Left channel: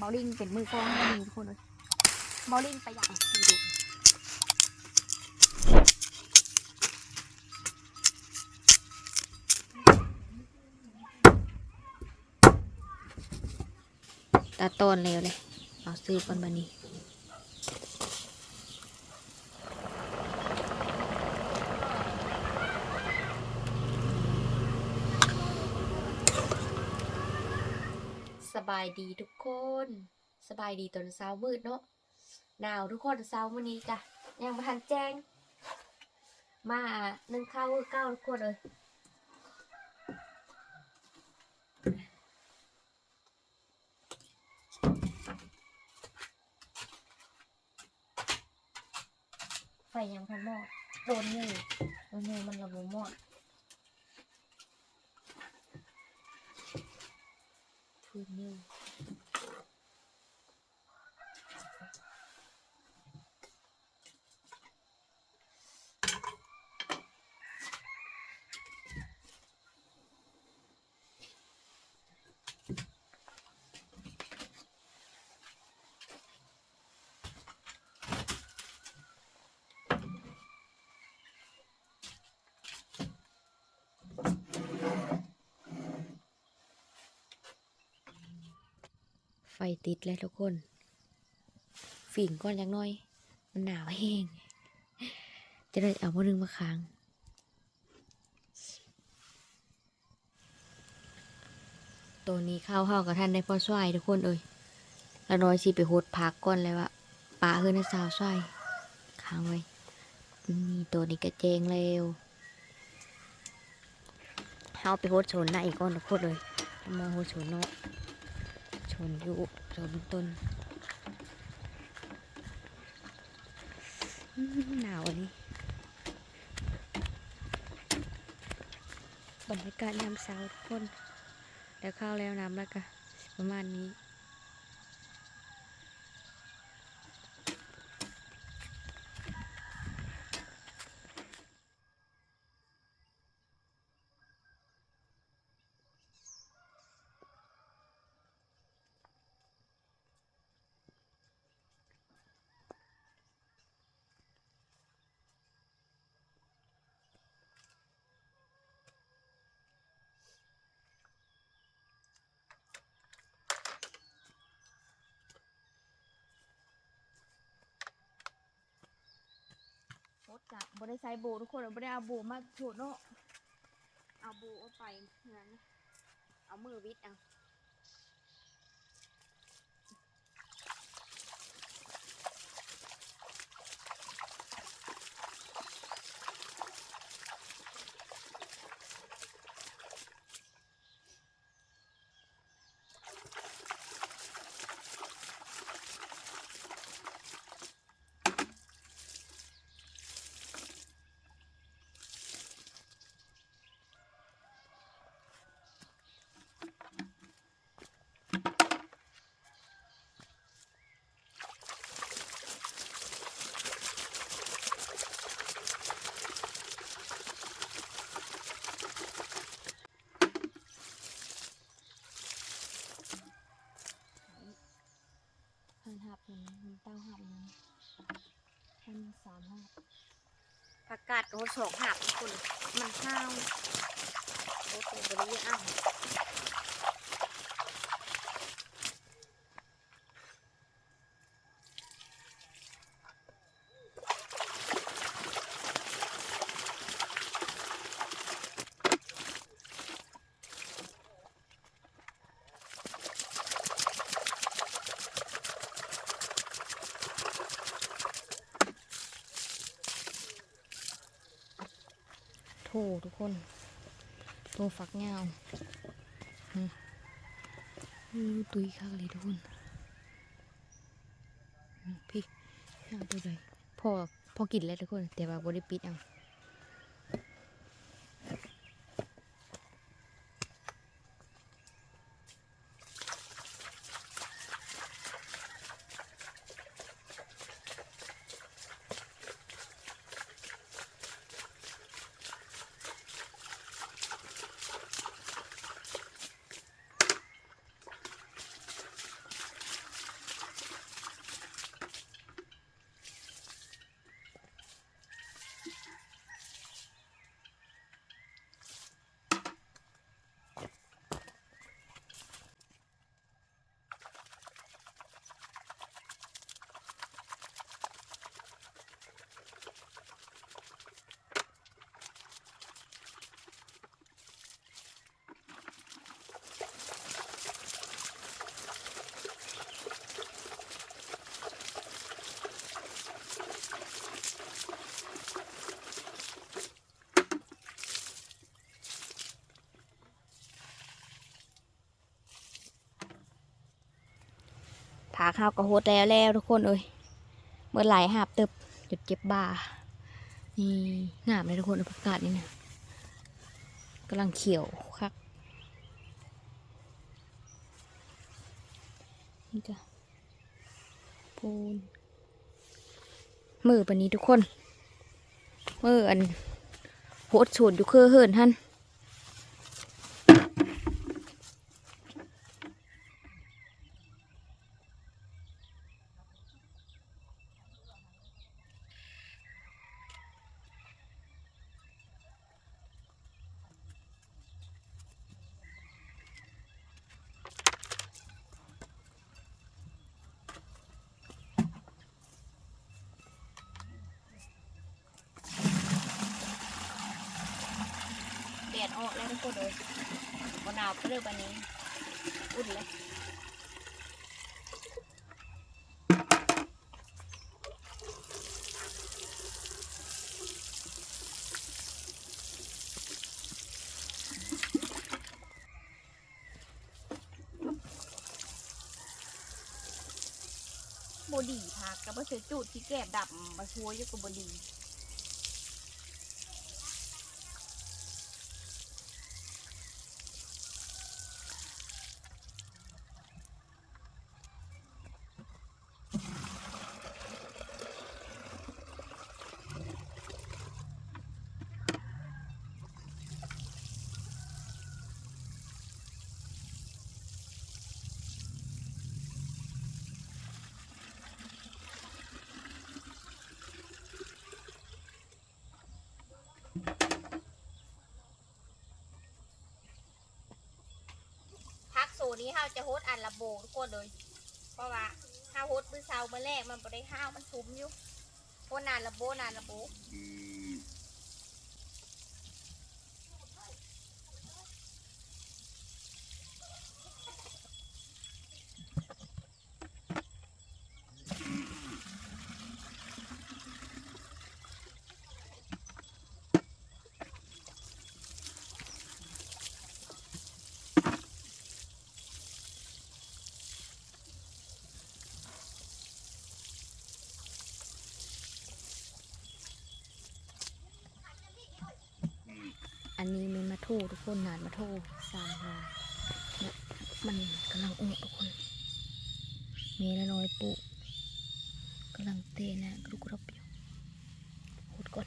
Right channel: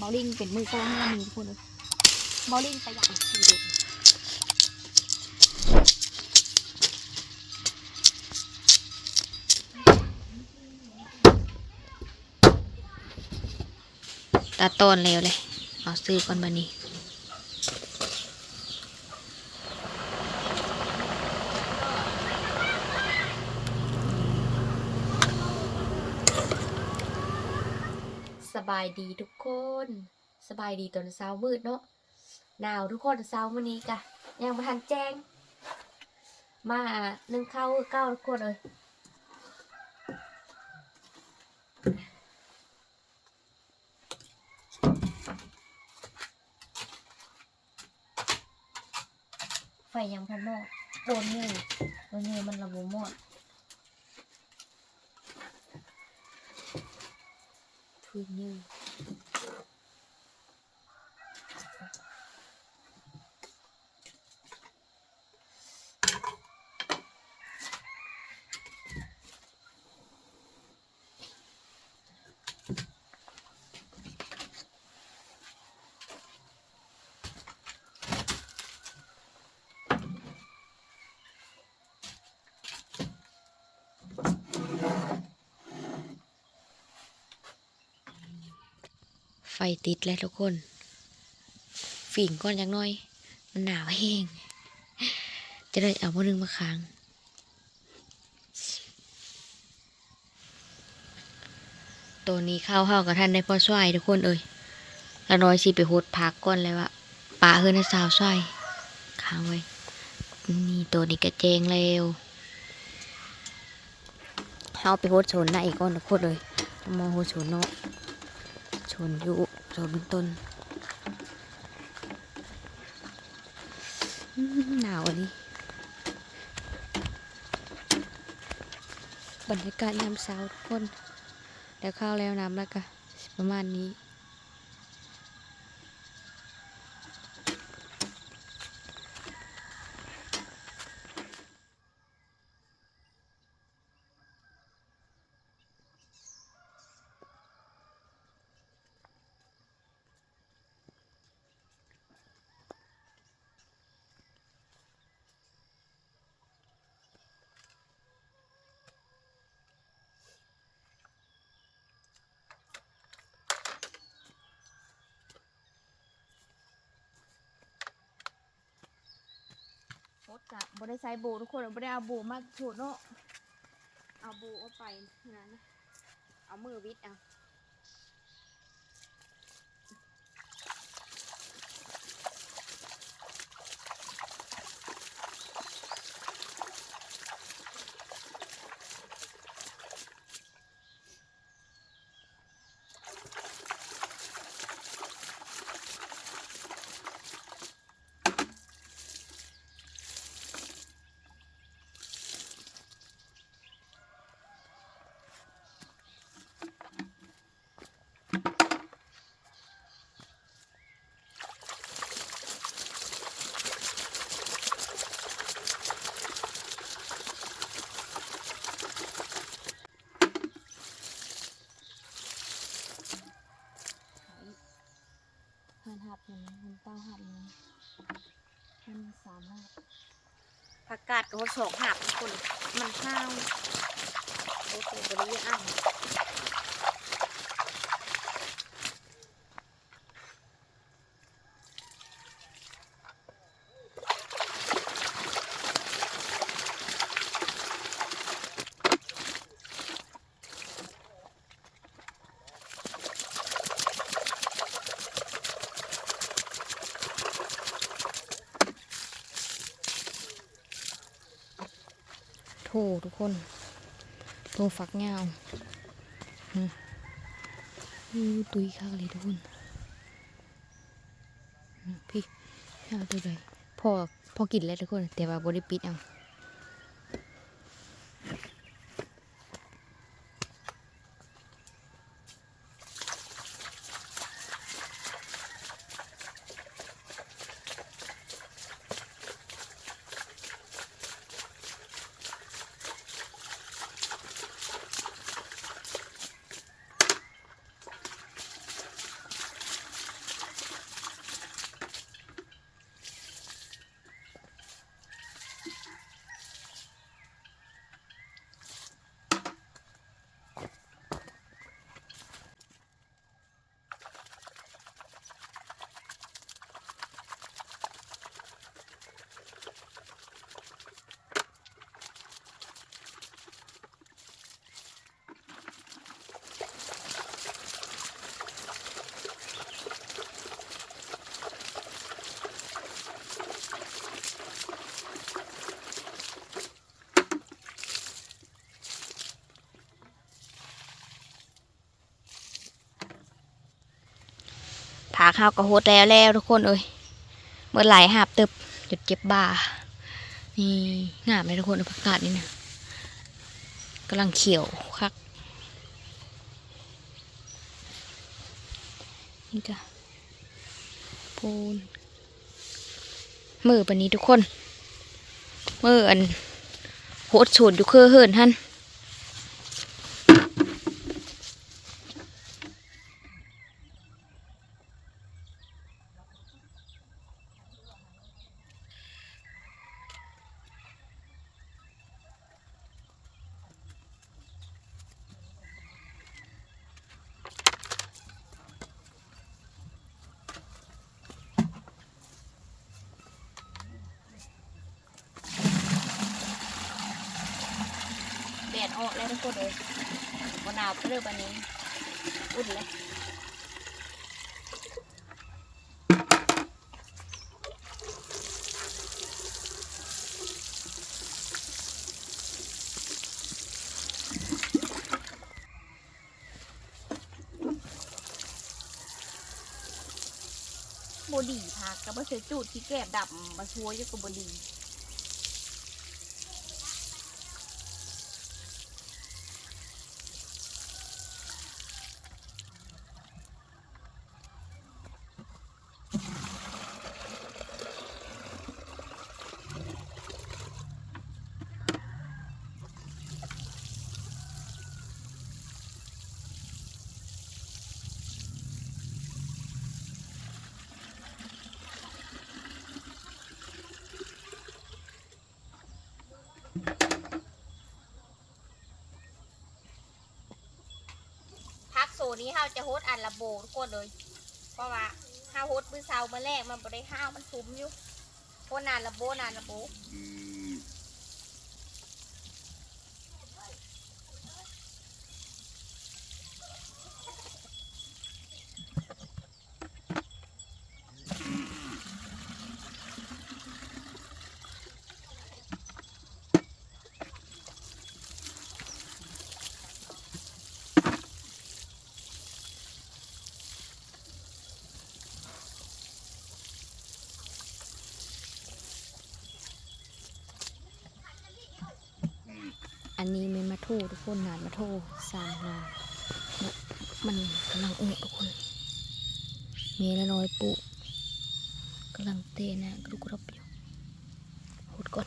บอลลิงเป็นมือกลองให้เรามีทุกคนเลยบอลลิงไปอย่างดีดูตาต้นเร็วเลย เอาซื้อก่อนบันนี้ สบายดีทุกคน สบายดีตอนเช้ามืดเนาะหนาวทุกคนเช้ามื้อนี้กะยังม่ทันแจ้ง มานึ่งข้าวเก้าทุกคนเลยไฟยังพันหมอดโดนงูโดนงูมันระบบหมอดทุยงู ไฟติดแล้วทุกคน ฝิ่งก่อนอย่างน้อย มันหนาวแห้ง จะได้เอามานึงมาค้าง ตัวนี้เข้าเข้ากับท่านได้พ่อช่วยทุกคนเอ่ยล้วน้อยสิไปโหดพักก่อนเลยว่าป่าเฮือนสาวช่วยค้างไว้ นี่ตัวนี้กระเจงเร็วเอาไปโหดชนได้อีกก่อนทุกคนเลยเอามาโหดชนเนาะชนอยู่ ชนบนต้น หนาวอันนี้ บรรยากาศยามเช้าทุกคน แล้วข้าวแล้วน้ำแล้วก็ประมาณนี้ ดกะบได้ใส่โบทุกคนบได้เอาโบมาโฉดเนาะเอาโบเอาไปงั้นนะเอามือวิดเอา หันหับมันมันเต้าหับมันมันสามหับ ผักกาดกับสองหักคน มันข้าวโอ้โหบริเวณอ่าง โถทุกคนโถฝักเงาอู้ตุยข้าเลยทุกคนพี่เอาตัวใดพอพอกินแล้วทุกคน แต่ว่าบริปิดเอาาข้าวก็โหดแล้วแล้วทุกคนเอ้ยเมื่อไหลหาบติบจุดเจ็บบ่านี่งามเลยทุกคนประกาศนี่นะกำลังเขียวคักนี่จ้ะปูนมือปันนี้ทุกคนมืออันโหดสูดอยู่คือเหินท่าน แดดออกแล้วทุกคนเลย บนหนาวก็เริ่มวันนี้ อุ่นเลยบดีพักกับว่าเสือจูดที่แก้มดำมาช่วยอยู่กับบดี พักโซนี้เฮาจะโฮดอันละโบทุกคนเลย เพราะว่าเฮาโฮดมื้อเช้ามาแรกมันบ่ได้ห้าวมันซุ้มอยู่โฮดนานละโบนานละโบันนี้เมนมาโททุกคนนานมาโทสามนานเนี่ยมันกำลังอุ้ทุกคนมีละน้อยปุกำลังเตะนะกรุกรับอยู่โหดก่อน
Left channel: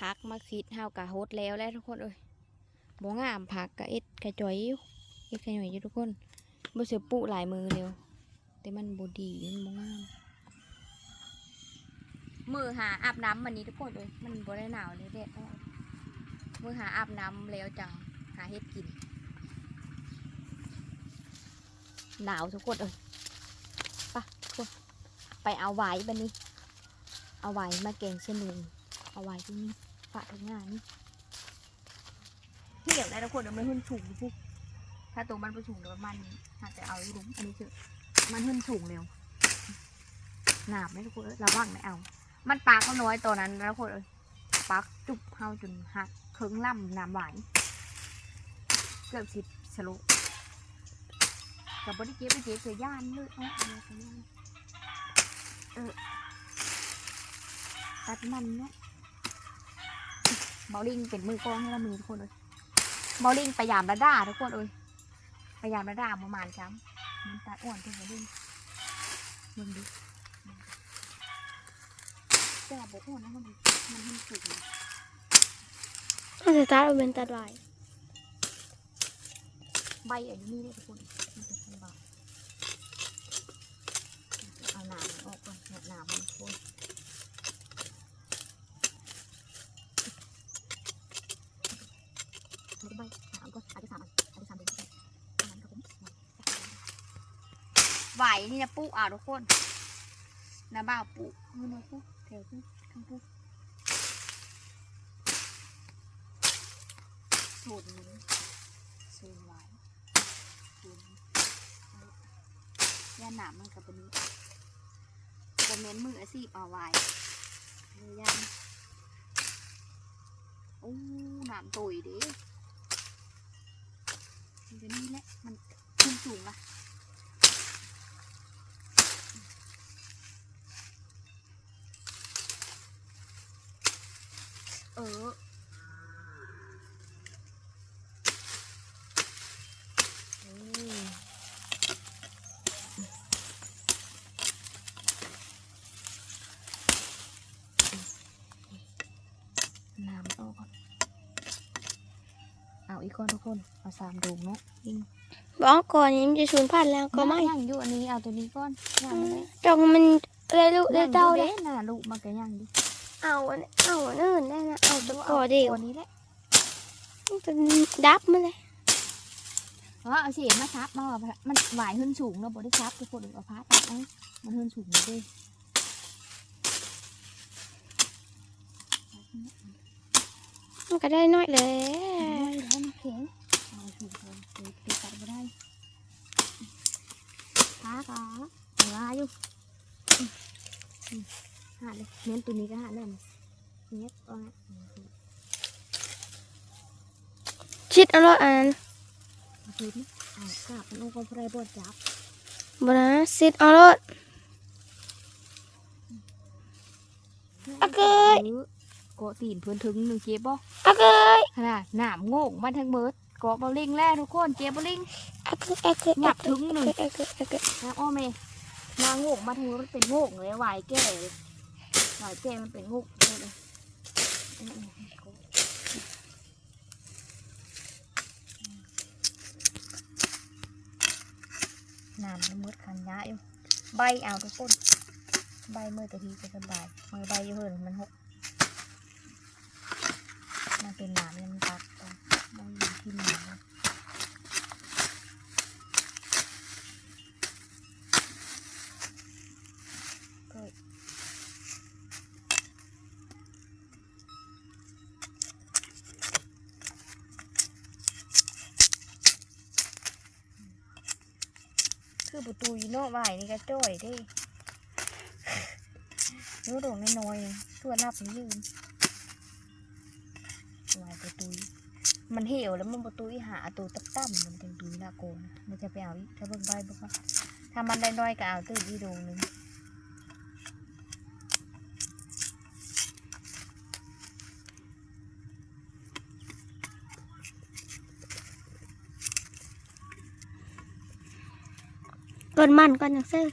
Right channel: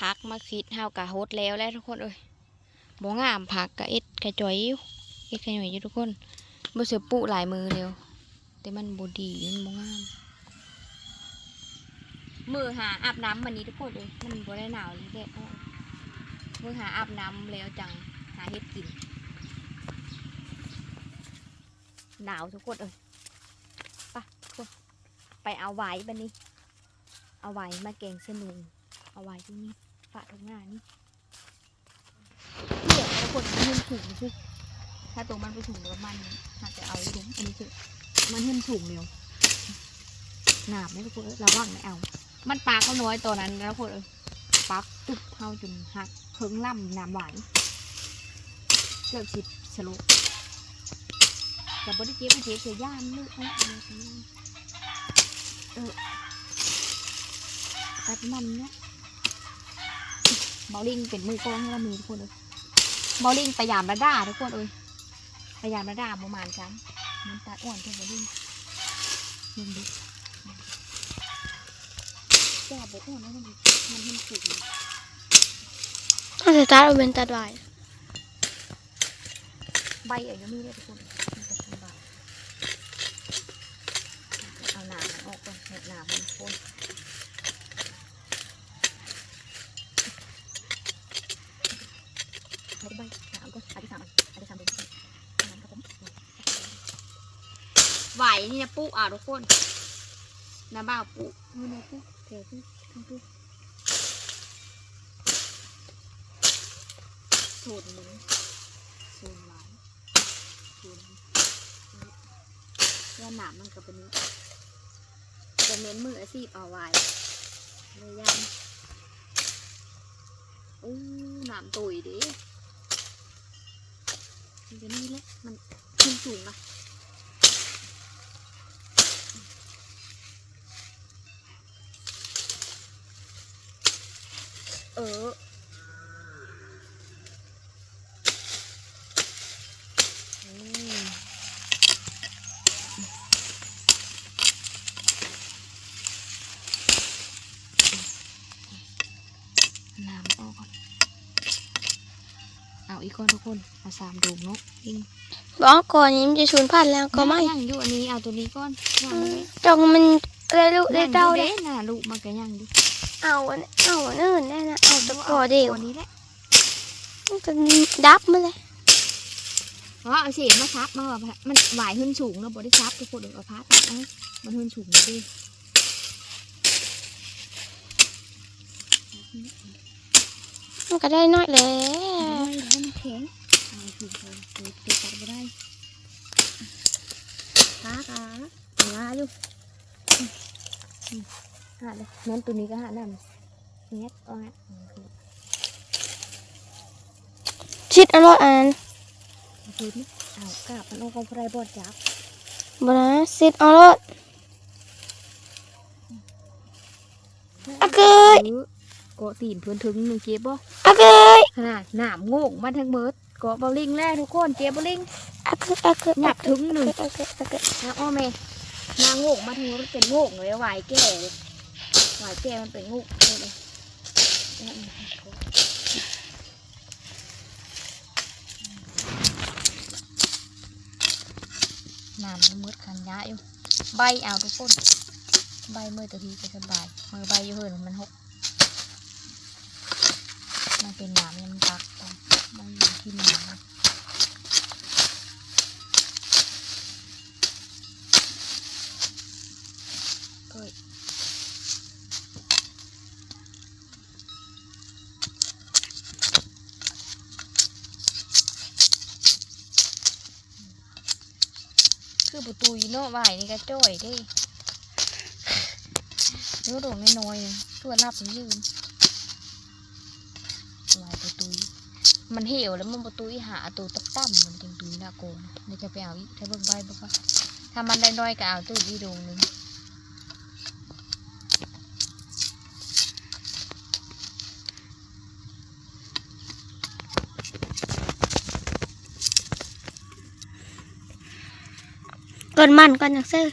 พักมาคิดเฮากะโฮดแล้วแล้วทุกคนเอ้ยบ่งามพักกะเอ็ดกะจ่อยอยู่เอ็ดกะหน่อยอยู่ทุกคนบ่เสือปุหลายมือเร็วแต่มันบ่ดีมันบ่งาม มือหาอาบน้ำวันนี้ทุกคนเลยมันบ่ได้หนาวเลยเด็ดออกมือหาอาบน้ำแล้วจังหาเฮ็ดกิน หนาวทุกคนเอ้ยไปทุกคนไปเอาไว้บันนี้ เอาไว้มาแกงเส้นนึงเอาไว้ที่นี่ ฝาทุกงานนี่เดี๋ยวไอ้ทุกคนมันเห็นถุงสิถ้าตัวมันไปถุงเดี๋ยวมันอาจจะเอาถุงอันนี้คือมันเห็นถุงเร็วหนามไหมทุกคนระวังไม่เอา มันปากก็น้อยตัวนั้นแล้วทุกคนเอ้ยปักจุบเฮาจนหักเคิงล่ำน้ำหวานเกือบสิบสโลกับบริเจ็บเจ็บเสียย่านเลยเอ้ยเอเออตัดมันเนี่ย บาลิงเป็นมือกล้องให้เรามีทุกคนเลยเบาลิงพยายามระด้าทุกคนเอ้ยพยายามระด้าประมาณจ้ำมันตัดอ่อนตัวเบาลิงมึงดิแก่บอ้วนนะมันมันมันสุกถ้าสตาร์ทเอาเป็นตัดไว้ใบอายุมีเลยทุกคนมันจะทำบาเอาหนามมันออกก่อนเนี่ยหนามมันโคนไม่ได้ใบหนามก็อาทิตย์สามอันอาทิตย์สามเดือนน้ำครับผมไห วนี่นะปุ๊อะทุกคนน้ำบ้าปุ๊นี่นะปุ๊เทปุ๊ทั้งปุ๊สูตรนึ่งสูตรหวานสูตรย่าหนามมันกับเป็นนี้จะเม้นมืออาชีพเอาไว้เลยยันอู้หนามตุยดิมันจะนี่แหละมันขึ้นสูงอะ เอออืมน้ำออกก่อนเอาอีกคนทุกคน เอาสามดูกเนาะยิงบอกก่อนนี้มันจะสูญพันธุ์แล้วก็ไม่ย่างอยู่อันนี้เอาตัวนี้ก่อนย่างอืไว้มจงมันได้ลูกได้เต้าเลได้ยน่ะลูกมันก็ย่างดิ เอาอันเอาอันอื่นได้นะเอาตะกอเดียวตัวนี้แหละมันจะดับมาเลยเพราะเอาเศษมาซับมาว่ามันหวายขึ้นสูงแล้วบ่ได้ซับทุกคนเดี๋ยวเอาผ้าตัดเอามันขึ้นสูงเลยมันก็ได้น้อยแหล้ไม่แล้วมันแข็งเอาถูกเลยเดี๋ยวเดี๋ยวตัดไม่ได้ขาขาเวลาอยู่อืมอืม หาเลยเน้นตัวนี้ก็หานั่นเน็ตเอาฮะชิดเอาละอันคือนี่เอากลับมันเอากระไรบดจับบนะชิดเอาละอะเกยออเกาะตีนเพื่อนถึงหนึ่งเจ็บบ่อะเกยน่ะหนามโง่งมาทั้งเบิดเกาะบอลลิงแล้วทุกคนเจ็บบอลลิงอะเกยอะเกยหนักถึงหนึ่งอะเกยอะเกยนะอ้อแม่นาโง่งมาทั้งมันเป็นโง่งเลยหวายแก่เลย หวายแก้มันเป็นงูเลยเอาน้ำมันมืดขันยะอยู่ ใบเอาทุกคน ใบเมื่อตะทีจะสบาย มือใบอยู่เหินมันหก นาะตูยีโน่ไหวนี่ก็จ้อยดิเนื้อโด่งน้อยๆตัวรับยืนวายตัวตุยมันเหี่ยวแล้วมันประตูหาตัวตับตั้มมันจังตุยน่าโกนเดี๋ยจะไปเอาอีกถ้าเบิ่งใบบอกว่าถ้ามันได้น้อยก็เอาตัวอีดวงหนึง อนมันก่อนอยากซื้อ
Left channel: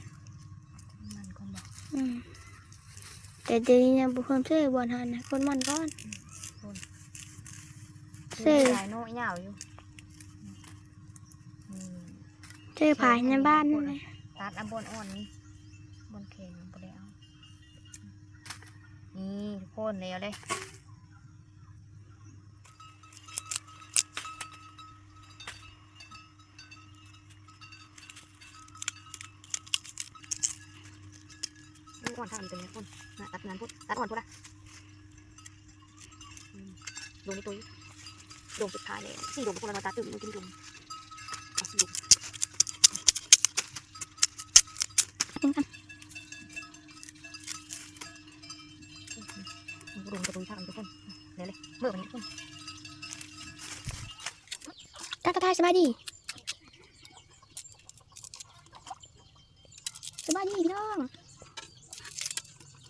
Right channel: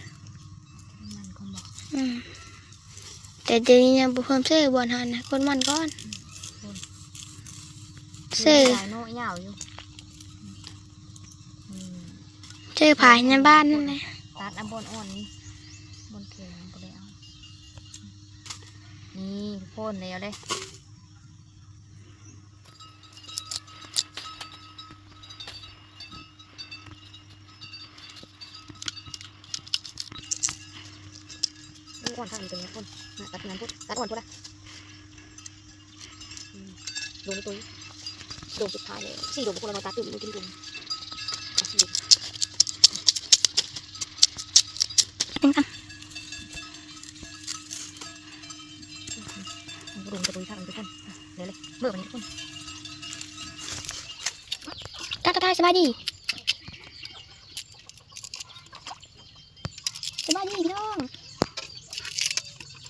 มันคงบอกอืมแต่เดี๋ยวนี้ยังบุเพิ่มซื้อบอลหันนะก่อนมันก่อนเซ่ลายโน่ยาวอยู่อืมซื้อผายในบ้านนั่นแหละตัดอันบนอ่อนนี่บนเข็มบนได้เอานี่โค่นแล้วเลย อนทำเป็นไงคนตัดงานพุทตัดก่อนพุทละอืมดวงตัวดวงสุดท้ายเลยสี่ดวงคนละมาตัดตื่นมือกินดวงสี่ดวงดวงตัวทางทุกคนเดี๋ยวเลยเมื่อวันนี้ทุกคนทักทาสบายดีสบายดีพี่น้อง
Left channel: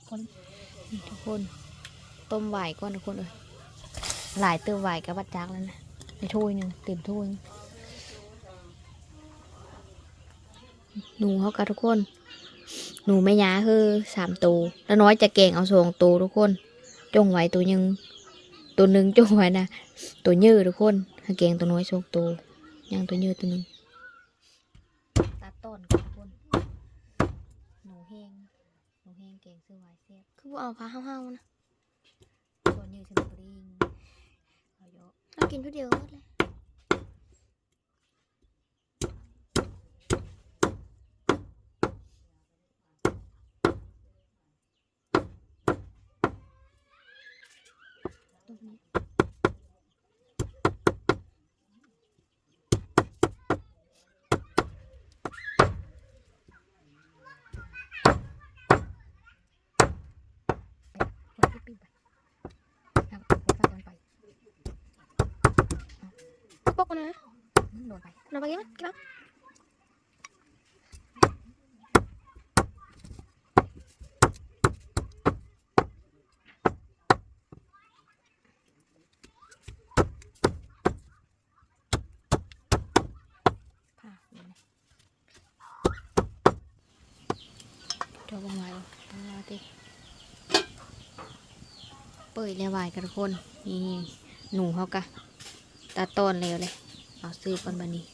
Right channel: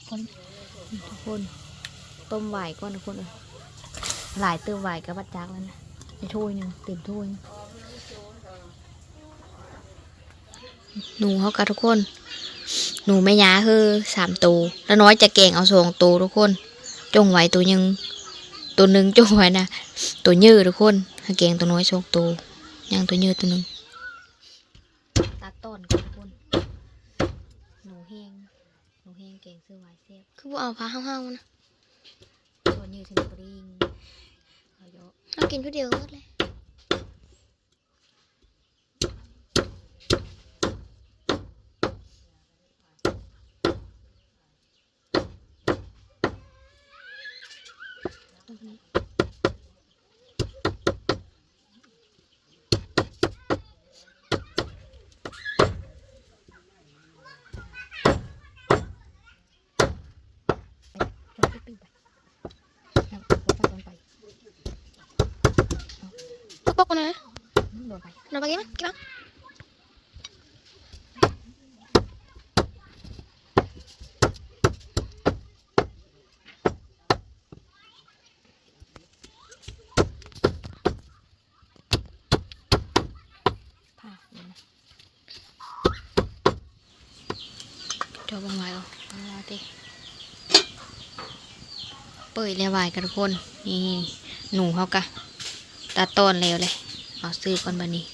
ทุก คนต้มไหวก่อนทุกคนเลยหลายเติมไหวกับบัดจักแล้วนะในถ้วยหนึ่งเต็มถ้วยหนูเขากับทุกคน หนูไม่ย้าคือสามตัวแล้วน้อยจะแกงเอาสองตัวทุกคน จงไว้ตัวหยังตัวหนึ่งจงไว้นะตัวยืดทุกคนให้แกงตัวน้อยสองตัวย่างตัวยอะตัวหนึงตัดต้นก่อนทุกคน หนูแห้ง หนูแห้งแกงเสื้อไว้เสียบคือบ่เอาผ้าห้าวๆนะส่วนยืดถึงปริงเอาเยอะเรากินผู้เดียวหมดเลยตรงนี้เอาไปปิ้งไปเอาไปฟักมันไป ปกๆนะ อืมโดนไปเราไปกินมั้ยกินมั้ยผ่าเดี๋ยวนะเดี๋ยวบางไว้ก่อนเอาล่ะติเปิดแล้วไหวกันทุกคน นี่ หนูเขากะตัดต้นแล้วเลย เอาซื้อก่อนบันนี้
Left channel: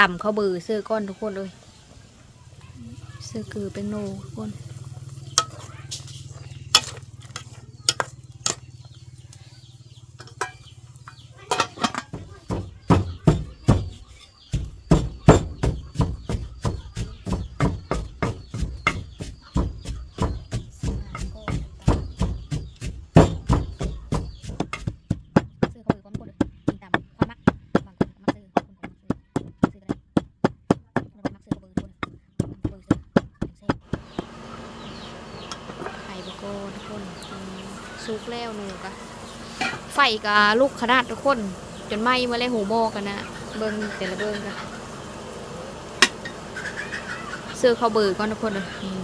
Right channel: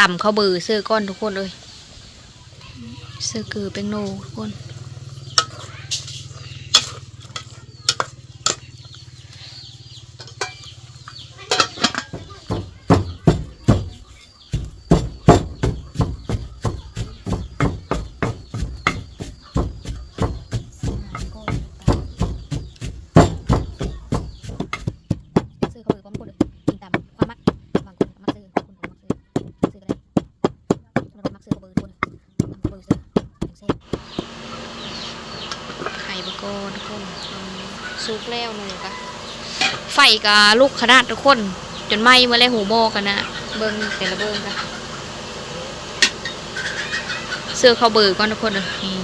ต่ำเขาเบือซื้อก้อนทุกคนเลยซื้อคือเป็นโนทุกคน ซื้อเขาหรือว่าไม่กดเลยกินตามความมักบางคนก็มักซื้อบางคนก็มักซื้อซื้อก็ได้แล้วก็มักซื้อเขาเบอร์ทุกคนตามเขาเบอร์ซื้ออย่างเช่น ไข่บะโกนทุกคนอืม ซุกแล้วหนูกะไฟกะลูกขนาดทุกคน จนไหม้เมื่อไรหูโมอกันนะเบิ้งแต่ละเบิ้งกันเสื้อเข้าเบือก่อนทุกคนเลยนี่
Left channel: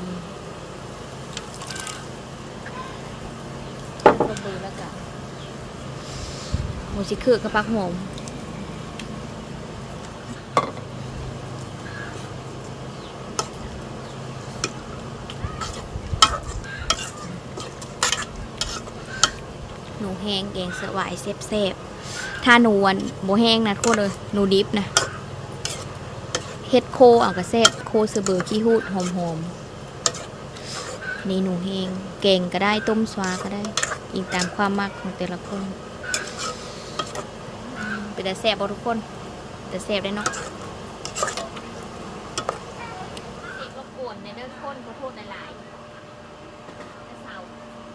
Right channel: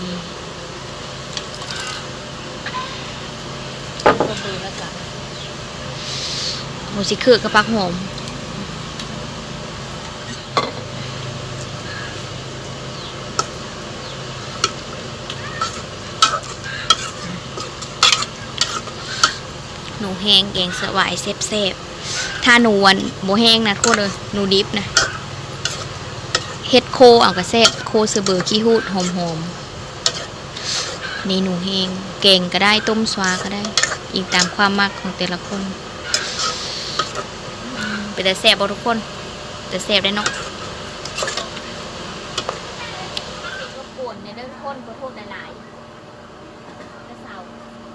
เขาเบอร์แล้วจ้ะโหสิคือกับปักหอม แห้งแกงเสวายเซฟเซฟๆถ้าหนูวันโบแห้งนะทุกคนเลยหนูดิบนะเฮ็ดโคเอากระแซบโคเสเบอร์ขี้หูดหอมๆนี่หนูแห้งแกงก็ได้ต้มสวาก็ได้ อีกตามความมักของแต่ละคนเป็นแต่แซบบ่ทุกคน แต่แซบได้เนาะรบกวนในเรื่องคนขอโทษหลายๆกระเสา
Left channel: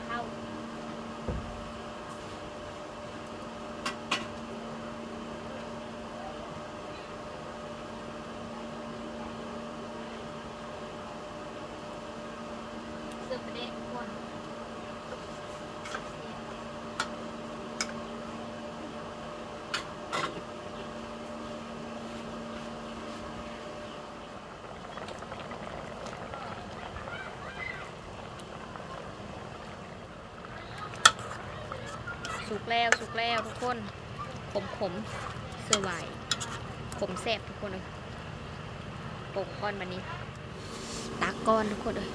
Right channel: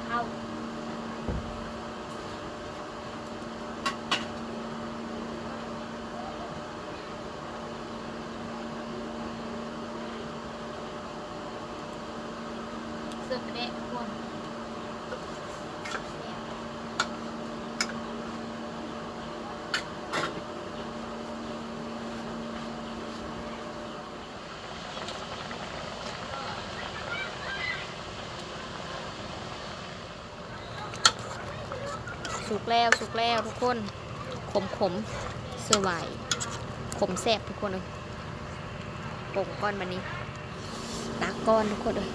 เข้าเสิร์ฟไปได้ทุกคน สุกแล้วสุกแล้วทุกคน ขมขมเสื้อไหวขมแซบทุกคนเลยโป่งก้อนมานี้ ตากก้อนทุกคนเลย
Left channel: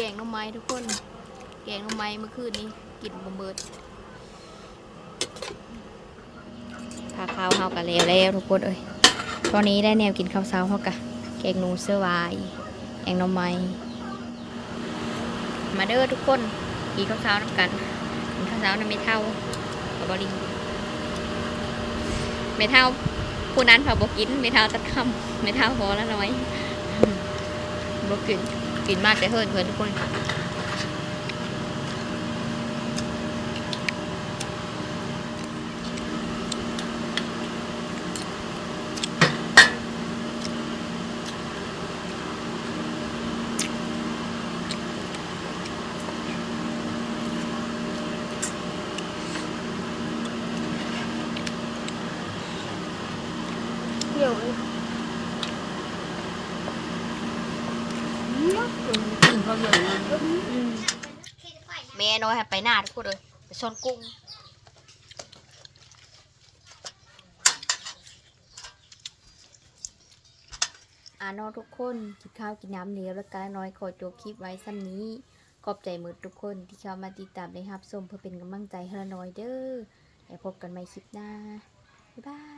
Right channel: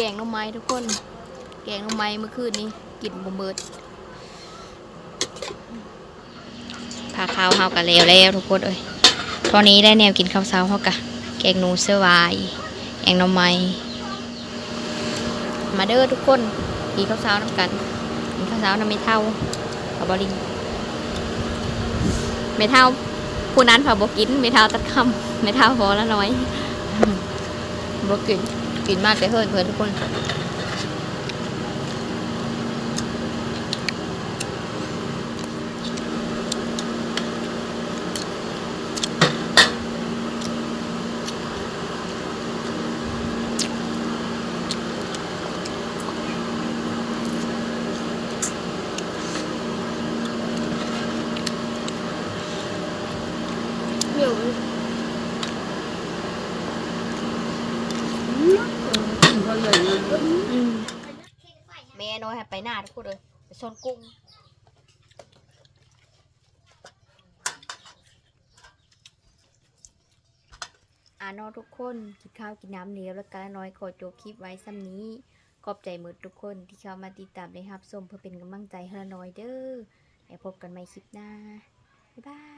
แกงน้ำไม้ทุกคน แกงน้ำไม้เมื่อคืนนี้กินบมเบิดพาข้าวเฮากะแล้วแล้วทุกคนเอ้ยตอนนี้ได้แนวกินข้าวเช้าเฮากะแกงนูเสื้อวายแกงน้ำไม้มาเด้อทุกคนกินข้าวเช้าน้ำกันกินข้าวเช้าน้ำไม่เท่าเอาบอลิงไม่เท่าผู้นั้นเขาบกกินไม่เท่าตัดคำไม่เท่าพอล้วน้อยบกิน กินมากแต่เฮิร์นเพื่อนทุกคน有。 ห้ไปหน้าทุกคนเลยไปชนกุ้งอ่านอทุกคนกินข้าวกินน้ำเหนียวแล้วกันน้อยขอจบคลิปไว้ซ้ำนี้ขอบใจมืดทุกคนที่เข้ามาติดตามในฮับชมเพื่อเป็นกำลังใจให้ละน้อยเด้อแล้วพบกันใหม่คลิปหน้าบ๊ายบาย